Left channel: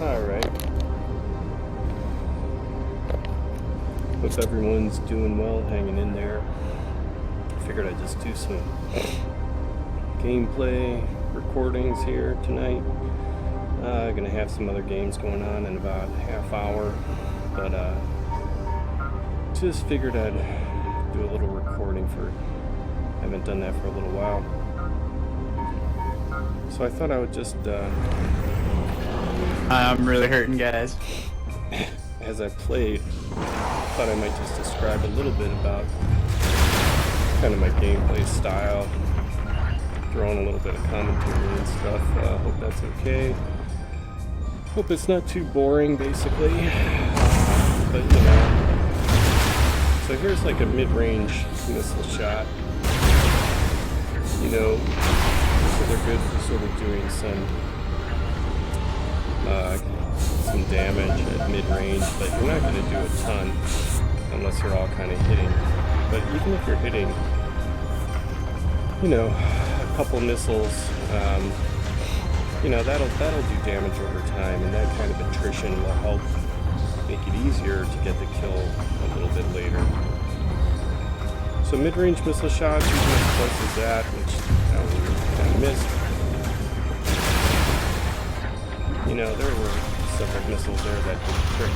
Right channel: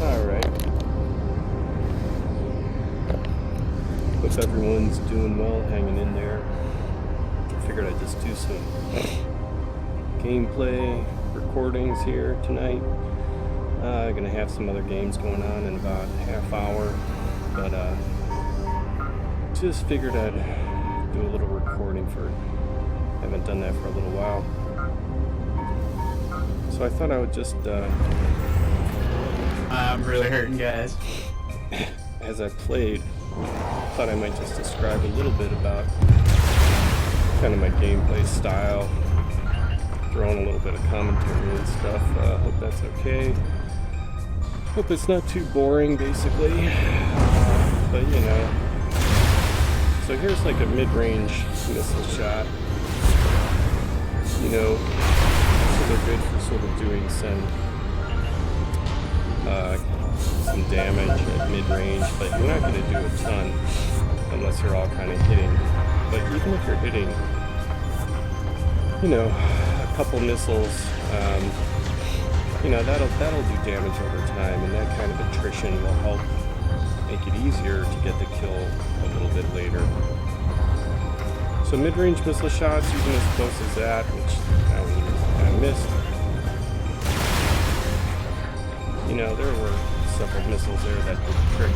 Alright. Hope everyone's doing well, hanging in there. Figured I'd just do some gameplay recordings here tonight. Gonna have some other games going on in about a half hour, but just figured I'd do a little recording for, haven't done that for a little while. So I thought I would just I'm really hurting, guys. As I played, thought I might just describe a little bit about kind of my gameplay style, throw in a little bit of commentary and stuff. Hope that's okay. Hope it's not too boring, basically. But you know, so here's like a mid-range missile shot. You know, missiles are good for sort of doing some damage at mid-range, but you're not going to do a ton unless you're all kind of hitting. But even if you're hitting, you know, a couple missiles, you know, that'll do damage over time, and that kind of attrition will help make it easier to get the kill a little bit later. So mid-range missile shots, even as close as that, which I kind of missed. You know, there were several missiles there that did the trick.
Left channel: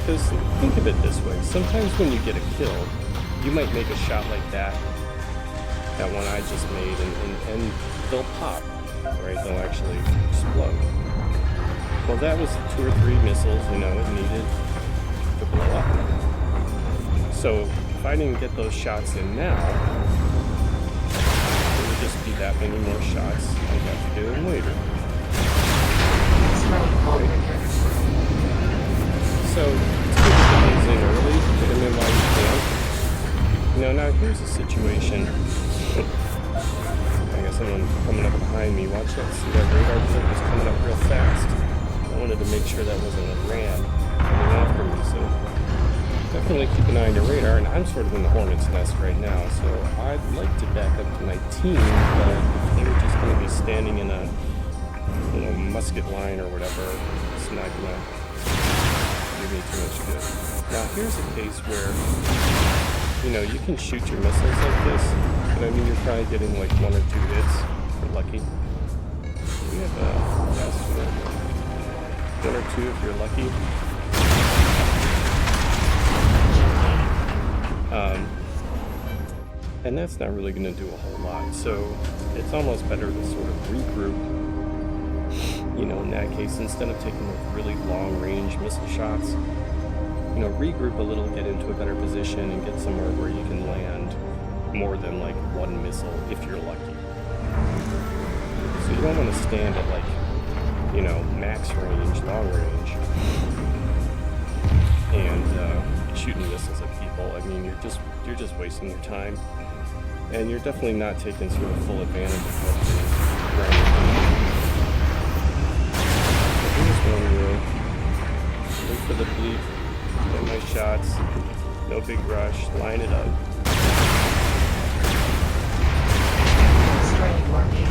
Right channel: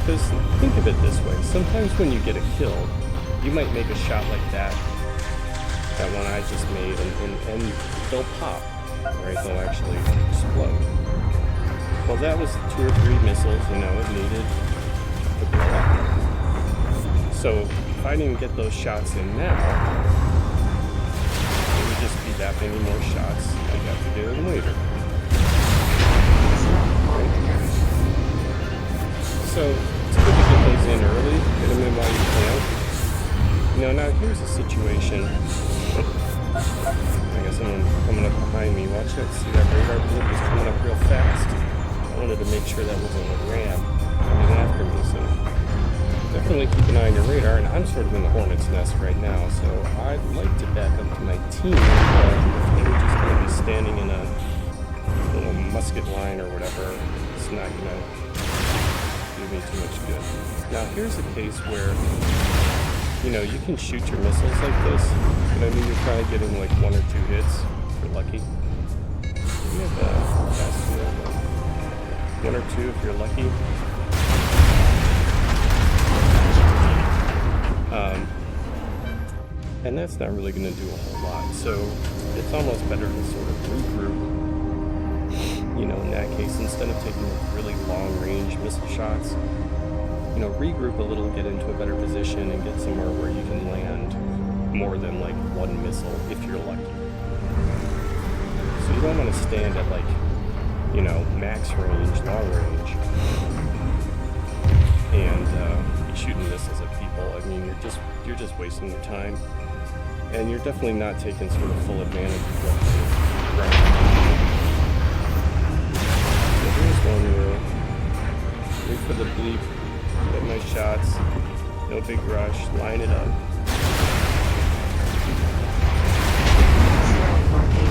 Because think of it this way, sometimes when you get a kill, you might make a shot like that one I just made, and they'll pop, right? They'll actually explode. Well, that was 2 or 3 missiles, you know, it needed to blow up. So if I didn't get those shots in now, it would just be that many more shots I'd have to do in later. Right? So it's good to get those in early, get them in while you can. You know, now here's a situation. I got someone coming up behind me. Watch that. See that radar blip is coming up real fast. I wanted to make sure that wasn't a ram coming after me, so definitely keep an eye on your radar. And I'm sort of in the hornet's nest right now, so I'd like to back up to my team, but if they were just going to be standing in a little musket line or whatever, it's not going to do me too much good. Now here's a case where, you know, you can shoot your missiles like this, but I mean you're probably getting like 1 or 2 hits if you're lucky. We have a fast field, 1 or 2 if you're lucky. And that's not really going to do a whole lot, so it's almost better to sort of regroup. You know, in that case, instead of taking like really long range missile shots, you know, regroup a little, get into a better position, and get somewhere where you can land more than like 1 missile if you're lucky. So you don't want to stand at like, you know, max range, long range, and be shooting missiles at people. I mean, you're just wasting your time, and you're definitely not taking sort of full advantage of what the ground can do. So here's one where wait for the bleep, get my shots, no big rush, line it up.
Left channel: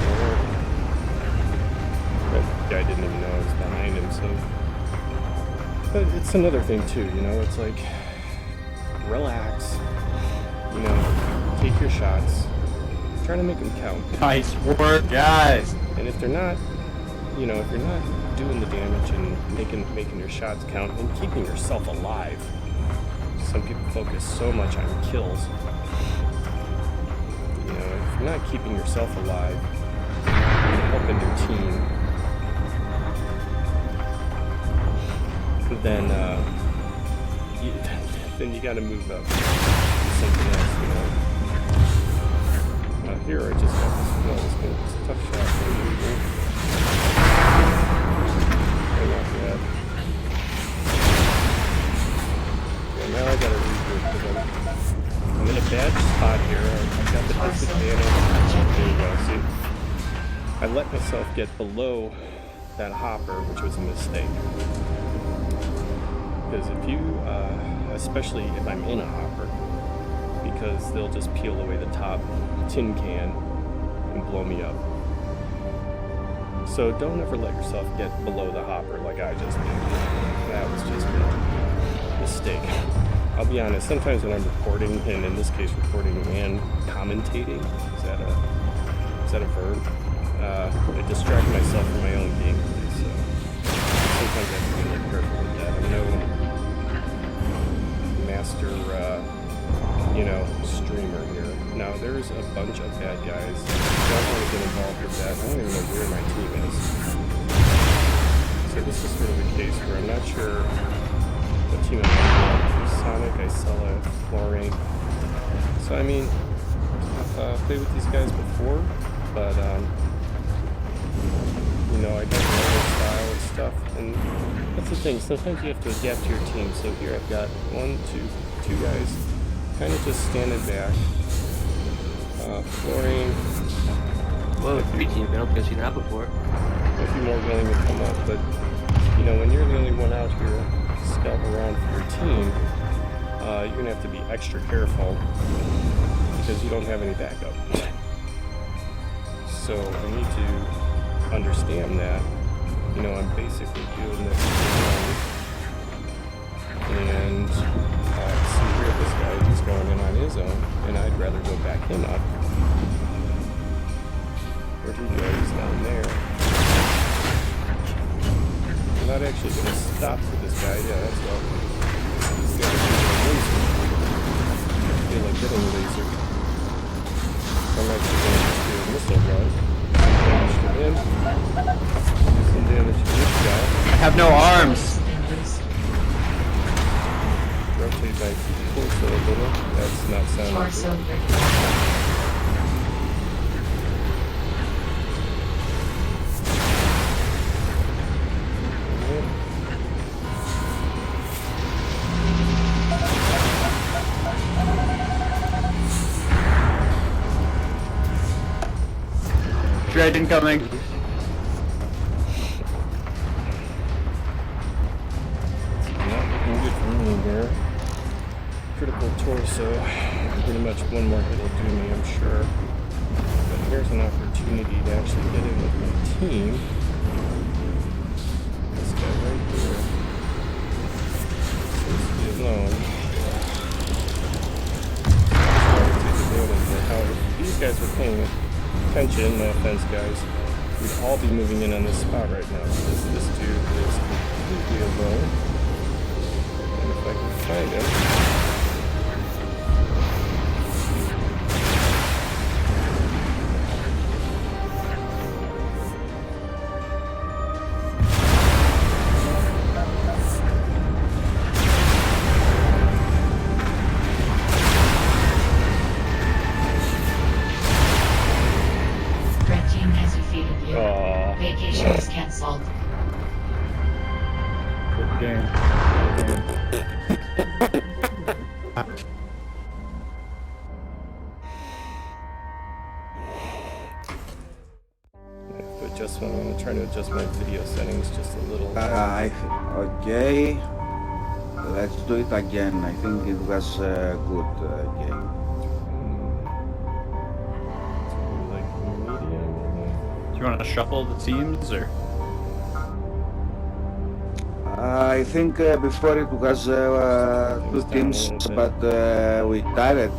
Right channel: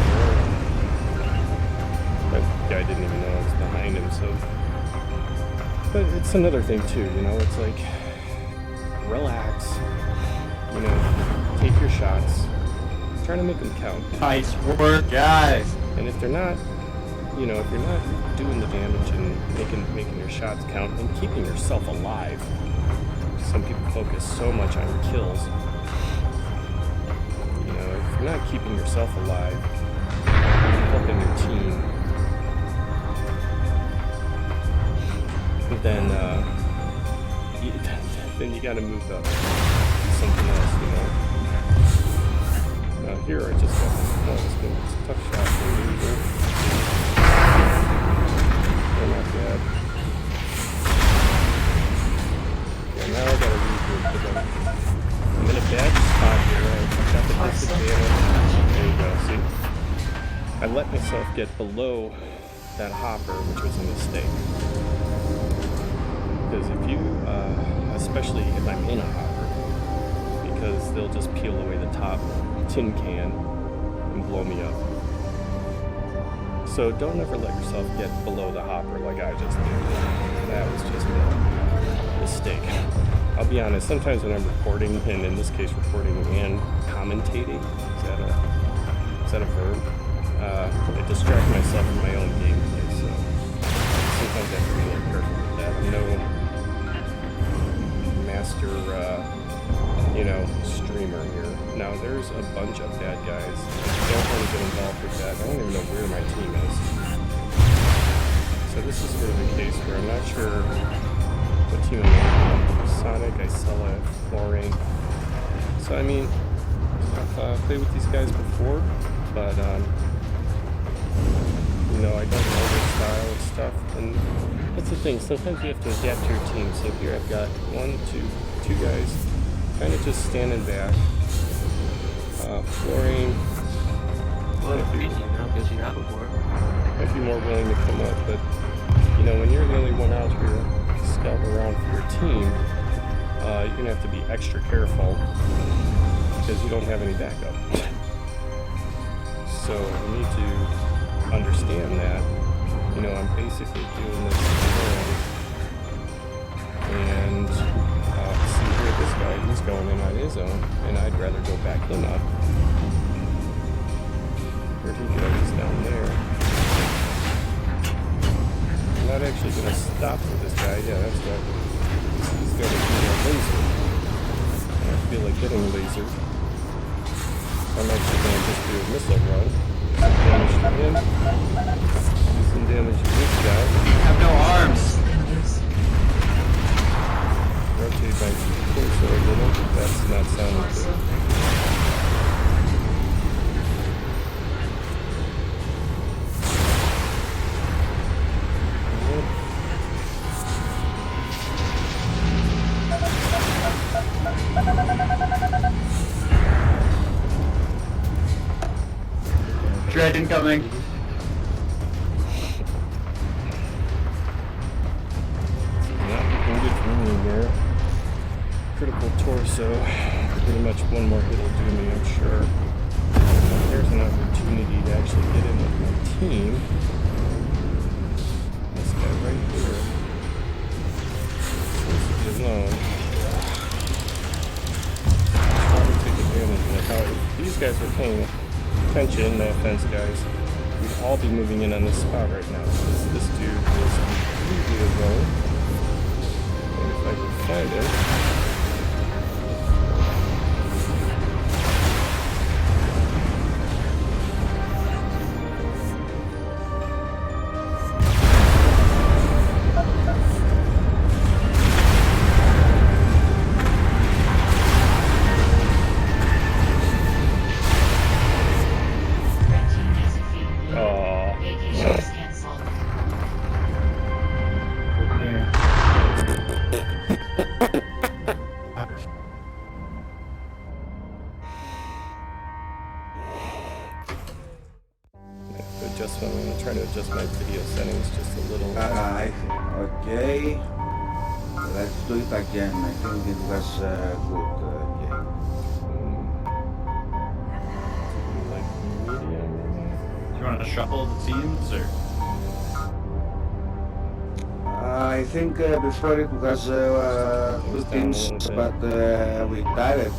Alright. That guy didn't even know I was behind him, so. But it's another thing too, you know, it's like, relax, you know, take your shots, try to make them count. Nice work, guys. And if they're not, you know, if you're not doing the damage and making your shots count and keeping yourself alive, some people focus so much on kills. You know, if you're not keeping yourself alive and helping your team, then you got to move up, do something else, you know. Here I just got this. No, this thing is a tough shot for losing. They're not bad. Okay, now I gotta regroup because I'm in a bad spot here. I've got the disadvantage. There you go, see? I let myself get below that hopper, which was a mistake. Because if you, especially if I'm in a hopper, because they'll just peel away the top tin can and blow me up. So don't ever let yourself get below the hopper like I just did. That was just a mistake. I'll be honest, sometimes when I'm recording, and in this case recording and commentating, is that a verb? I distract myself from my own gameplay, so sometimes I have to be a little careful with that. I'm no master, streamer here. Now, there's a bunch of bad guys. I don't want to get involved with that. I don't even know where my team is. So this is sort of a case where I'm not sure what team I'm going on. There's Sonic, Isella, Fluorine. So, I mean, I've played with these guys before, but, I don't know their style and stuff. And that's the thing. Sometimes you have to adapt to your team. So here I've got two guys kind of just standing back. Fluorine. Well, I've seen that before. might be more willing to come up, but when you're the only one out here scouting around for your team, you're gonna have to be extra careful because you don't have any backup. So I need to understand that. I'm basically doing this alone. And see here, this guy, he's going in on his own, and I'd rather go back him up. Where'd he go? He's down there. I'm not actually going to stop for this guy. Yeah, that's what. He's got to do a laser. I feel like getting lasered. So I'm actually going to just do a missile run. Do some damage to him. Do some damage to this guy. You have no arms. Rotate my torso a little. That's not sounding good. Dread incoming. Not looking good for me here. Critical torso. Pretty much one more hit will do me, I'm sure. But here's an opportunity to actually get in with my team. This guy right here seems to be alone. Try to take advantage of it. Now, if these guys were paying attention, no offense guys, we'd all be moving in on this spot right now. This dude is completely alone. And if I can find him. I'm going to try to adjust my video settings just a little. Okay, let's do it again. I think it was a good game. Like medium, maybe? Do you want to shuffle the teams or? I think before it was two teams, but we tied it.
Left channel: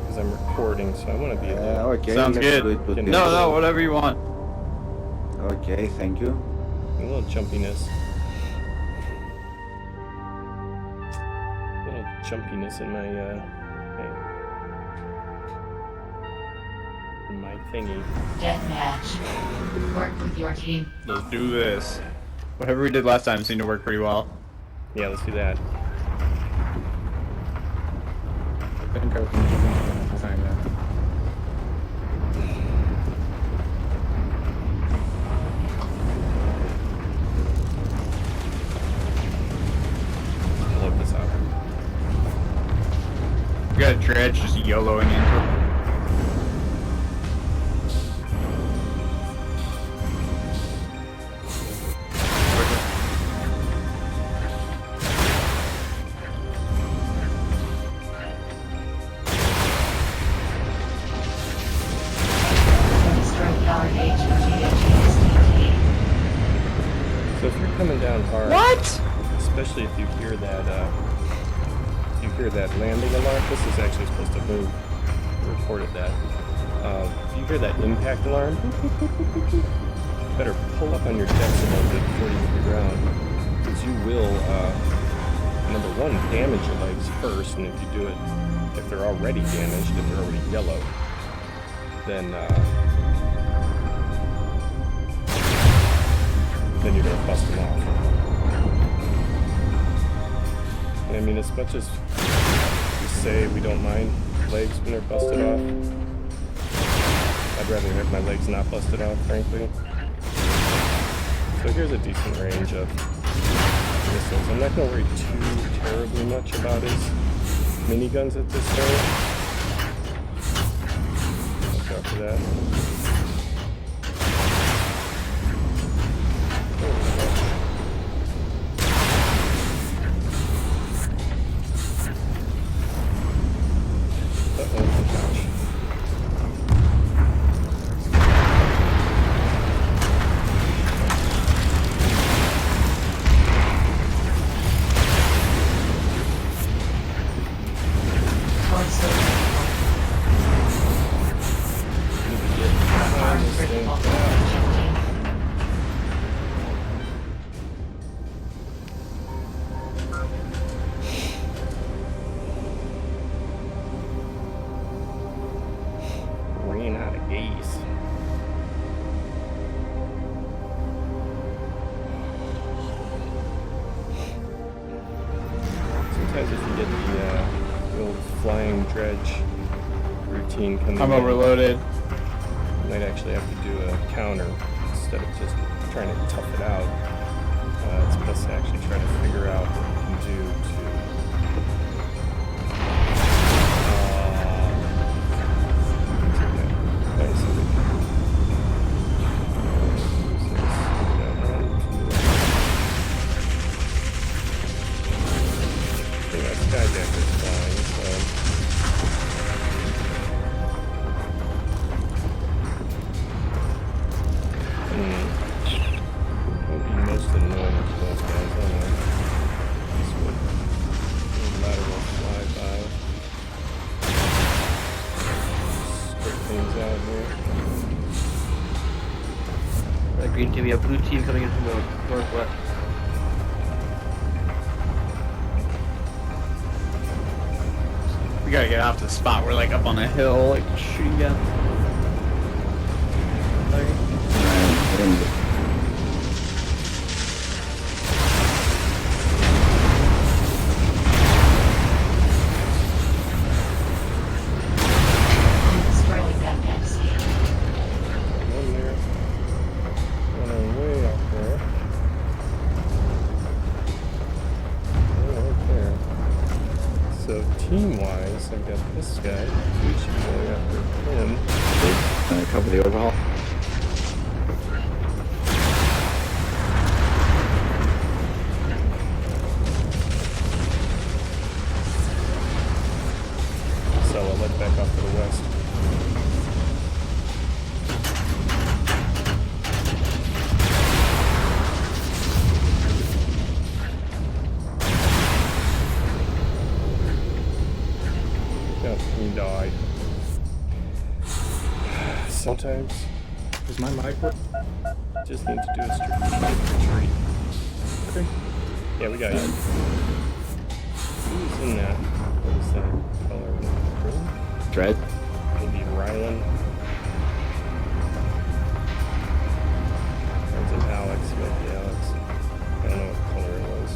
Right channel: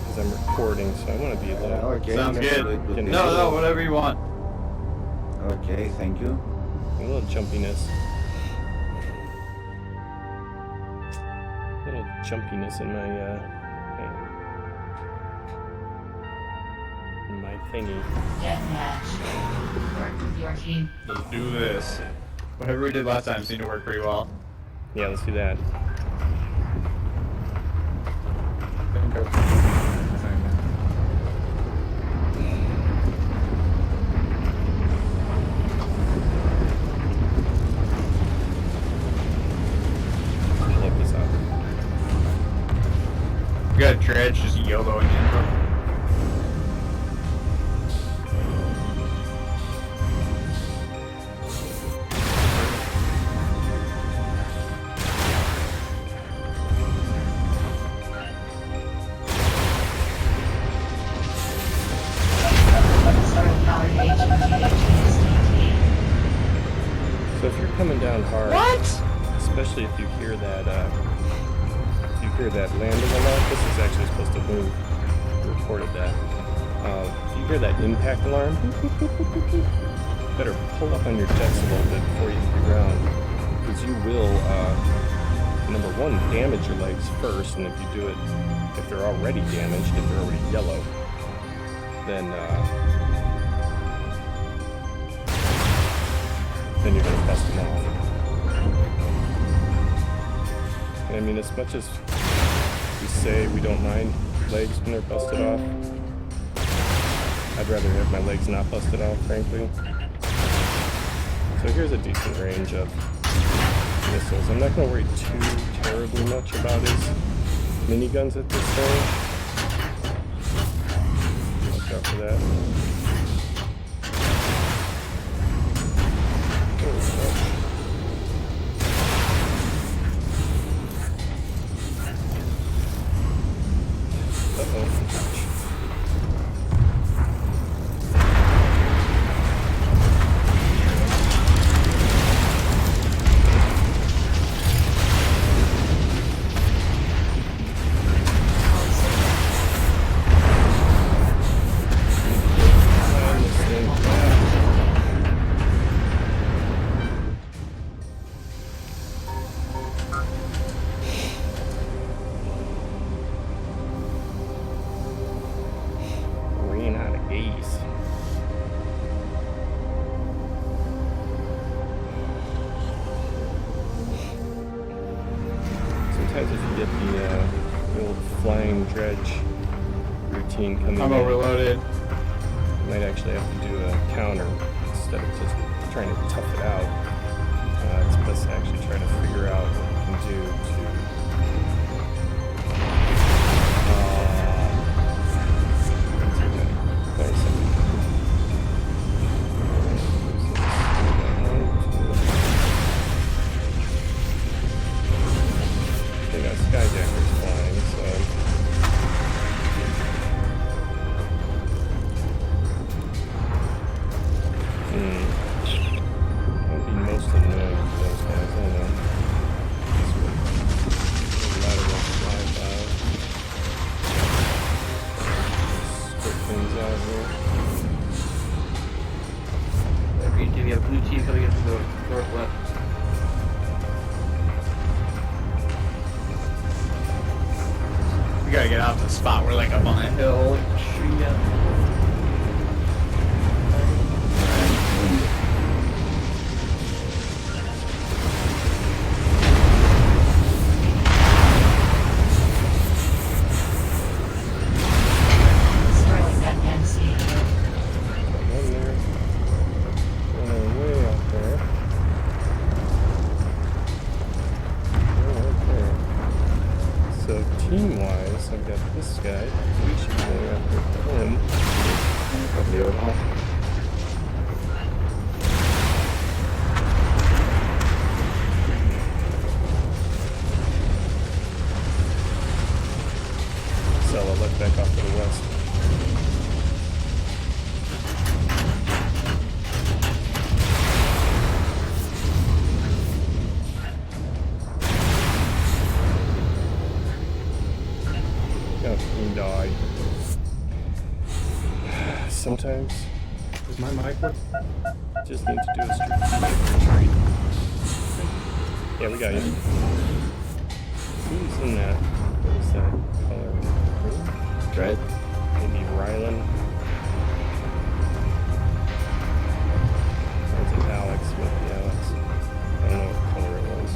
Because I'm recording, so I want to be a little. Okay, sounds good. No, whatever you want. Okay, thank you. A little jumpiness. A little jumpiness in my thingy. Deathmatch. Work with your team. Let's do this. Whatever we did last time seemed to work pretty well. Yeah, let's do that. Look this up. We got Dredge just YOLOing into him. down hard. What? Especially if you hear that landing alarm. This is actually supposed to move. I recorded that. If you hear that impact alarm, you better pull up on your jets a little bit before you hit the ground, because you will, number one, damage your legs first, and if you do it, if they're already damaged, if they're already yellow, then you're gonna bust them off. And I mean, as much as we say we don't mind legs when they're busted off, I'd rather have my legs not busted off, frankly. So here's a decent range of missiles. I'm not going to worry too terribly much about his miniguns at this point. Watch out for that. Uh-oh, ouch. Need to get behind this thing fast. Ran out of gas. Sometimes if you get the old flying dredge routine coming I'm in, overloaded. you might actually have to do a counter instead of just trying to tough it out. It's best to actually try to figure out what you can do to it's okay. There's somebody. Alright, who's this? We got 1, 2. They got skyjackers flying, so what would be most annoying for those guys? I don't know. This would lateral flyby. Script things out here. Green team, we have blue team coming in from the northwest. We gotta get out to the spot. We're like up on a hill, like shooting at. Destroying that fence. Got one there. One way out there. One right there. So team-wise, I've got this guy. We should be going after him. Can I cover the overhaul? Sella, let back off to the west. Yep, he died. Sometimes, is my mic work? Just need to do a strategic retreat. Yeah, we got you. Who's in that? What is that color? Green? Dread. Maybe Rylan. Or is it Alex? Might be Alex. I don't know what color it was.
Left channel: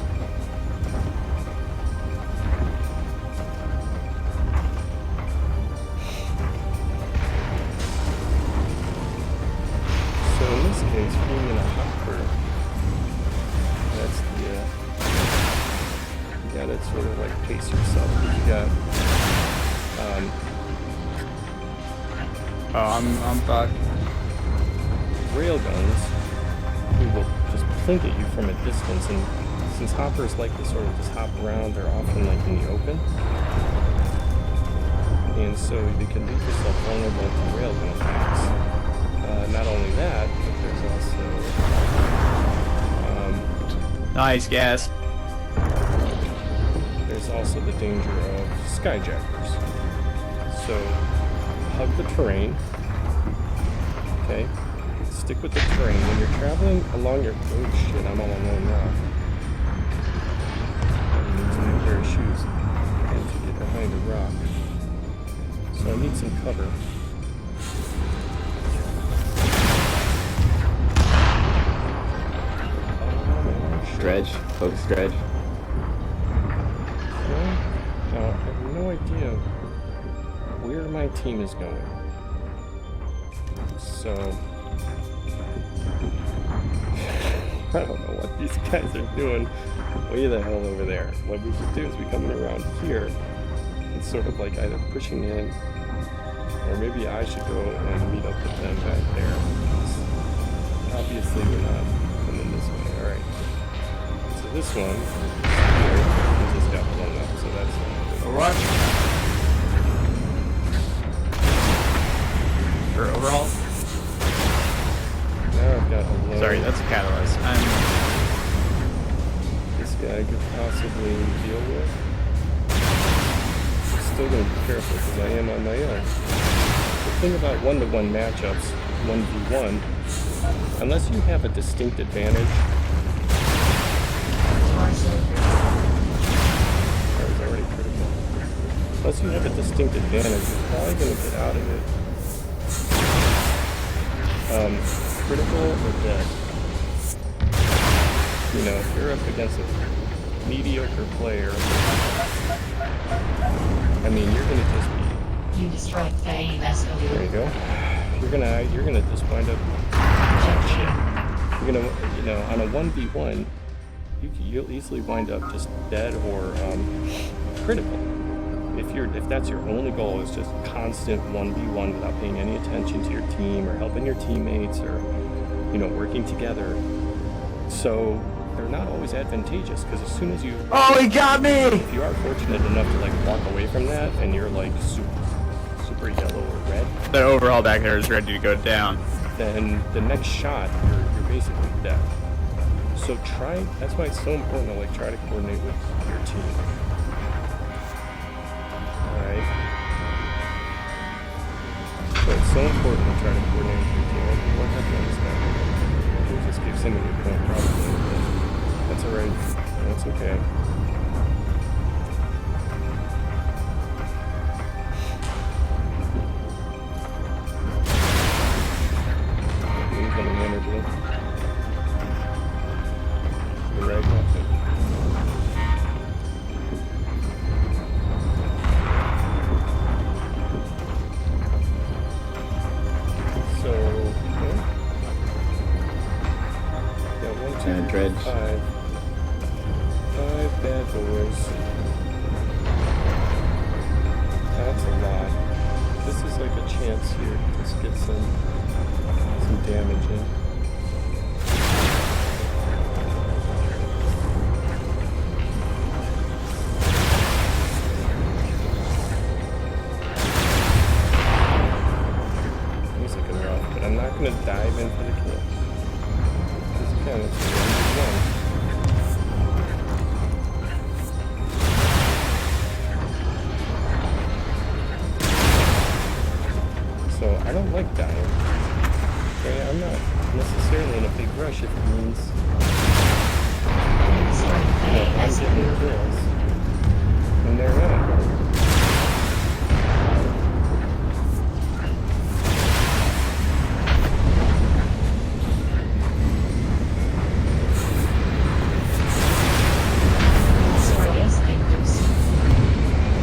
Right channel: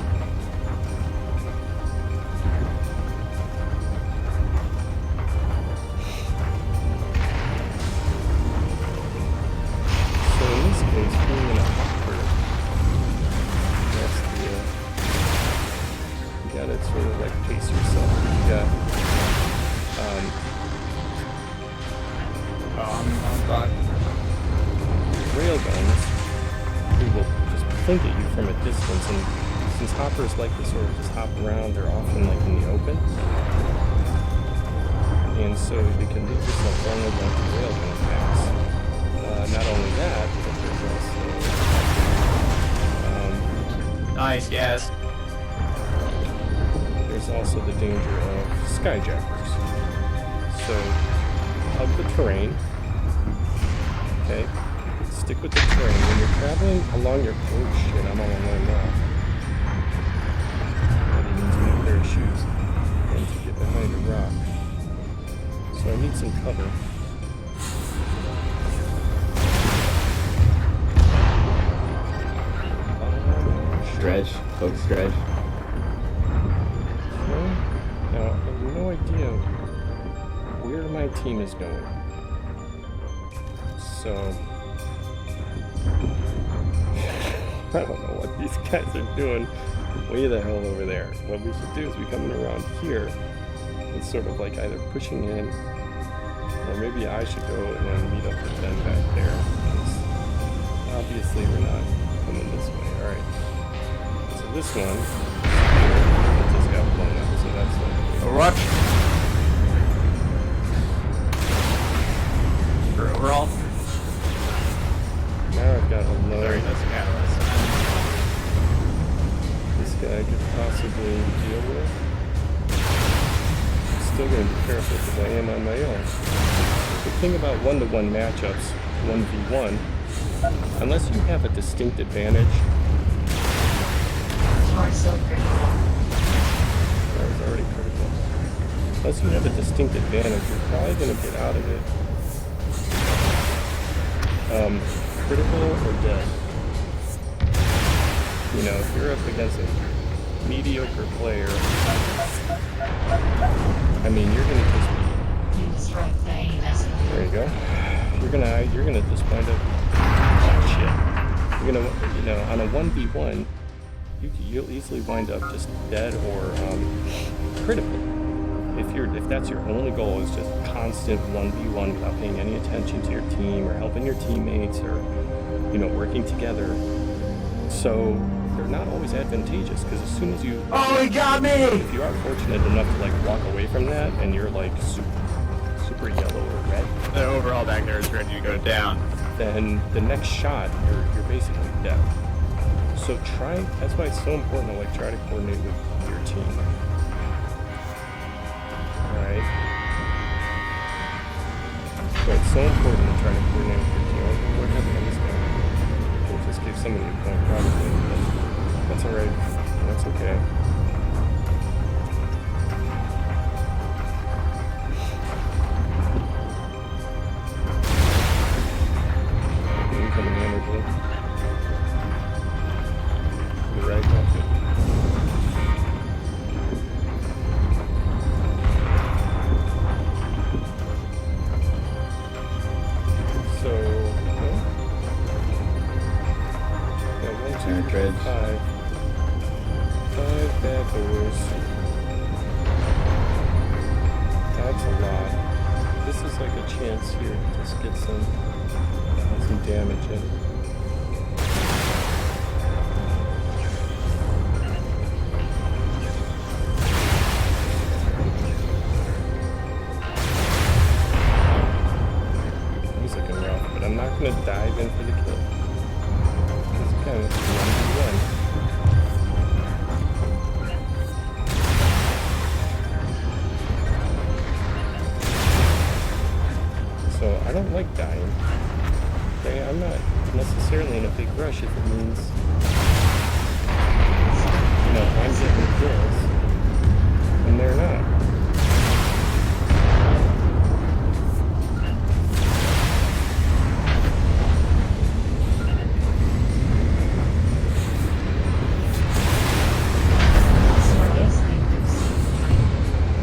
So in this case, being in a hopper, that's the, you gotta sort of like pace yourself, because you got, I'm fucked. railguns who will just plink at you from a distance, and since hoppers like to sort of just hop around, they're often like in the open, and so you can leave yourself vulnerable to railgun attacks. Not only that, but there's also Nice gas. There's also the danger of skyjackers. So hug the terrain. Okay? Stick with the terrain. When you're traveling along your... Oh shit, I'm all alone now. That means a new pair of shoes. And to get behind a rock. So I need some cover. Stretch. Focus stretch. Okay. Now, I have no idea where my team is going. So... I don't know what these guys are doing way the hell over there. What we should do is be coming around here and sort of like either pushing in, or maybe I should go and meet up with them back there. Because obviously we're not coming this way. Alright. So this one here just got blown up, so that's not good. Watch. For overall. Now I've got a low. Sorry, that's the catalyst. This guy could possibly deal with. I'm still going to be careful because I am on my own. The thing about one-to-one matchups, 1v1, unless you have a distinct advantage. That was already critical. Unless you have a distinct advantage, you're probably going to get out of it. Critical or dead. You know, if you're up against a mediocre player, I mean, you're gonna just be. You destroyed the AMS. There you go. You're gonna just wind up. Oh shit. You're gonna, you know, on a 1v1, you'll easily wind up just dead or critical. If that's your only goal is just constant 1v1 without paying any attention to your team or helping your teammates or, you know, working together. So they're not always advantageous because as soon as you... Oh, he got me! If you are fortunate enough to like walk away from that and you're like super yellow or red, The overall back there is ready to go down. then the next shot you're basically dead. So that's why it's so important to like try to coordinate with your team. Alright. So it's so important to try to coordinate with your team. Oh, what happened on this guy? We just gave somebody a point probably, but that's alright. That's okay. Incoming hammer blue. The rag off it. So, huh? Yeah, 1, 2, 3, 5. 5 bad boys. That's a lot. This is like a chance here to just get some damage in. He's looking rough, but I'm not going to dive in for the kill. Because again, it's 1v1. So I don't like dying. Okay, I'm not necessarily in a big rush if it means, you know, I'm getting the kills and they're not.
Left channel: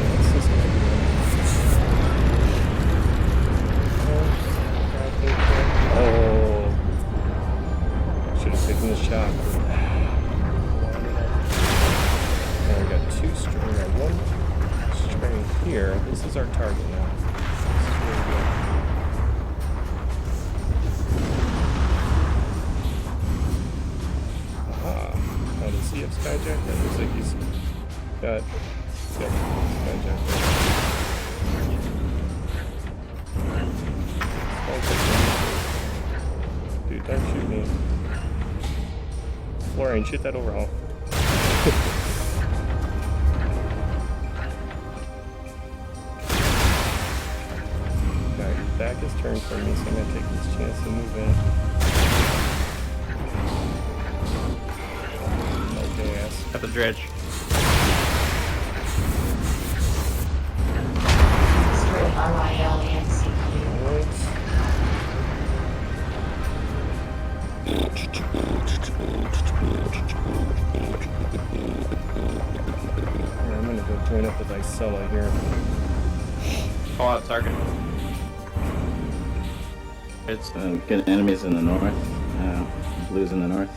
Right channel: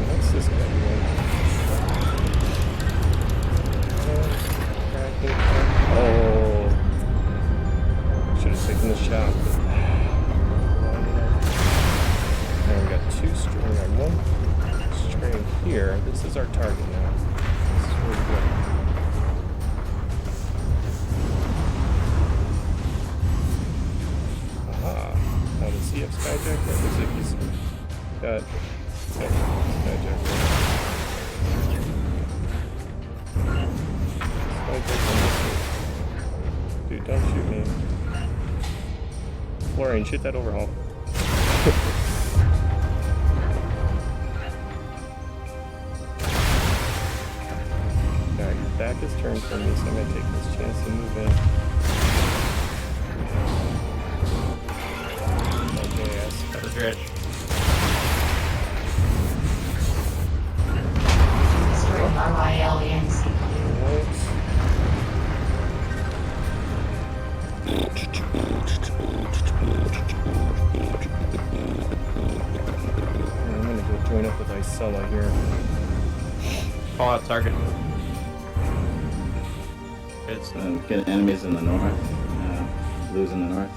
What's this guy doing? Oh, should have taken the shot, but lined it up. And we got 2 stray. We got 1 stray here. This is our target now. This is where we go. Aha. Now does he have Skyjacker? It looks like he's got Skyjacker. Dude, don't shoot me. Florian, shoot that overhaul. Alright, your back is turned from me, so I'm gonna take this chance to move in. No gas. Got the dredge. Destroying RYL and CPU. Alright. Alright, I'm gonna go join up with Isella here. Call out target. It's Get enemies in the north. Blues in the north.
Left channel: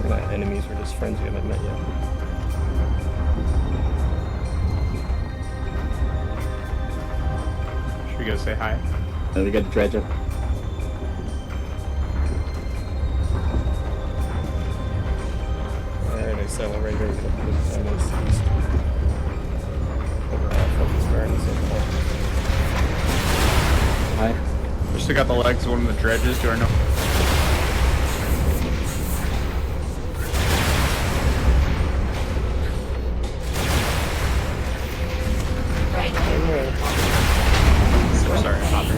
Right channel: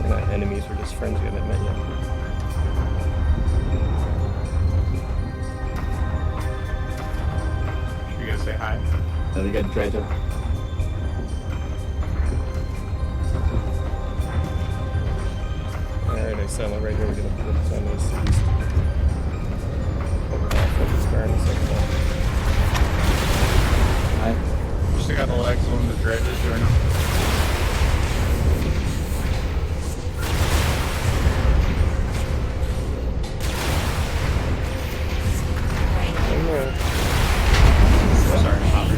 We're not enemies, we're just friends we haven't met yet. should we go say hi? They got dredge up. Alright, Isella right here, we're gonna put it on this east. Overhaul, focus fire in this overhaul. Hi. We still got the legs of one of the dredges doing up. Right One more. Sorry, Hopper.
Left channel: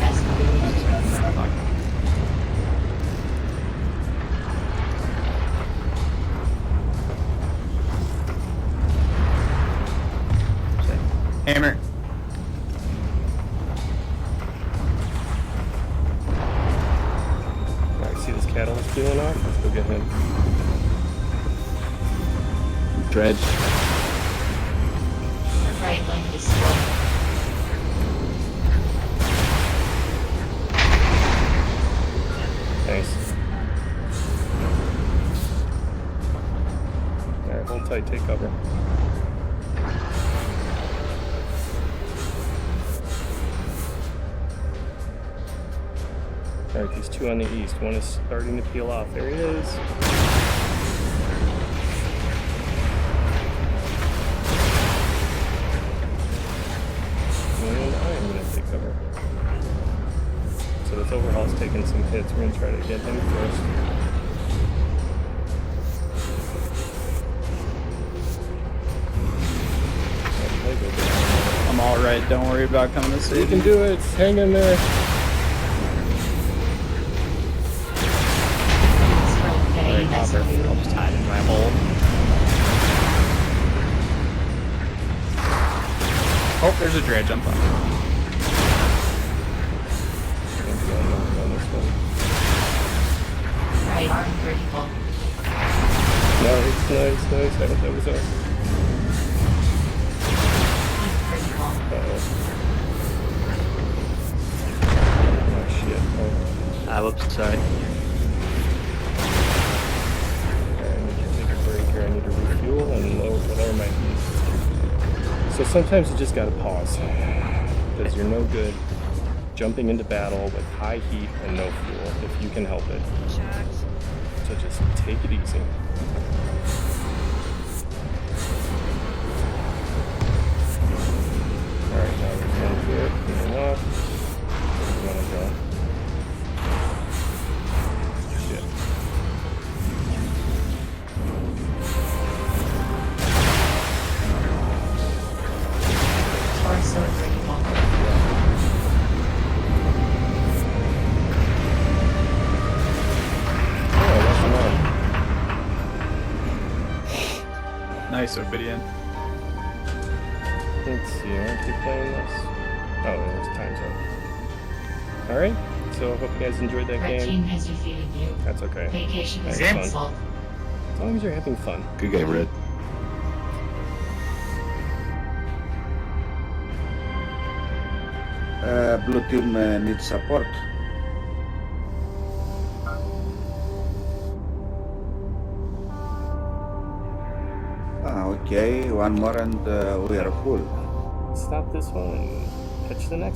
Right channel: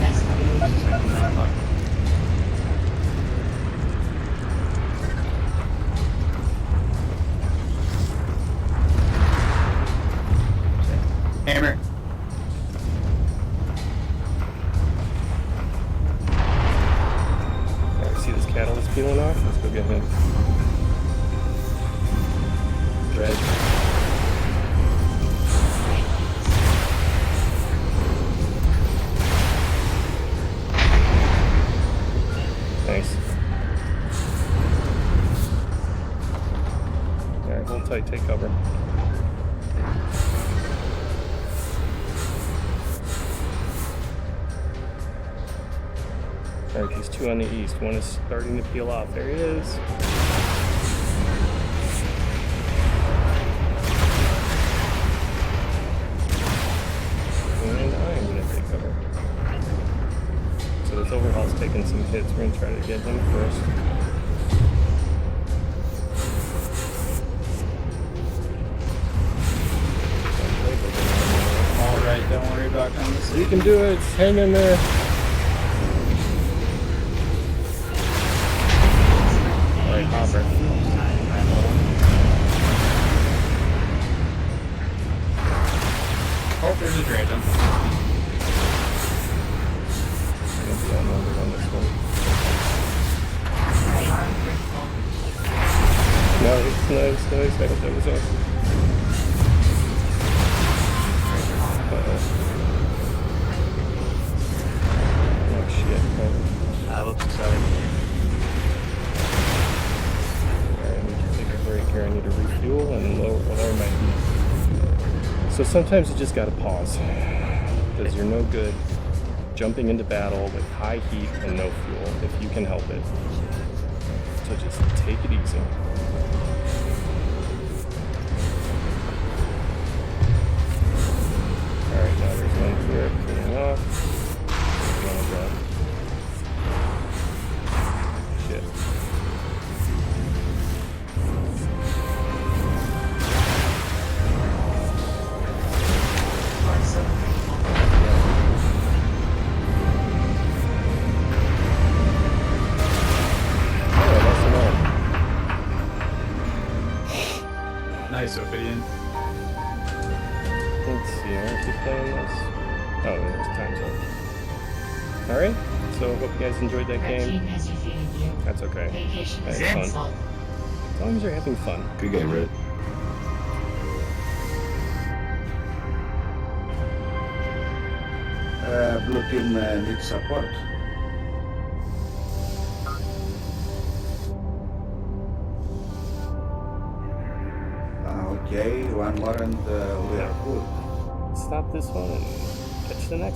Hammer. Alright, see this catalyst peeling off? Let's go get him. Dredge. Right lane destroyed. Nice. Alright, hold tight, take cover. Alright, these two on the east. One is starting to peel off. There he is. And I am going to take cover. So this overhaul's taking some hits. We're going to try to get him first. Oh, Lego get out of I'm alright, don't worry about coming to there. see. You can do it. Hang in there. Alright, Hopper. Time in my hole. Oh, there's a dredge. I'm fine. I'm going to be outnumbered on this one. Right arm critical. Nice, nice, nice. I hope that was us. Critical. Uh-oh. Oh, shit. Oh. Whoops, sorry. Alright, I need to take a break here. I need to refuel and lower my heat. So sometimes you just gotta pause. Because you're no good jumping into battle with high heat and no fuel if you can help it. So just take it easy. Alright, now there's one here peeling off. Where do you want to go? Shit. Torso critical. Oh, that's an arm. Nice, Ophidian. Let's see, I want to keep playing this. Oh, it's time's up. Alright, so hope you guys enjoyed that Red game. team has defeated you. That's okay. Vacation is That's fun. canceled. As long as you're having fun. Good game, Red. Blue team needs support. Okay, one more and we are full. Stop this one and catch the next.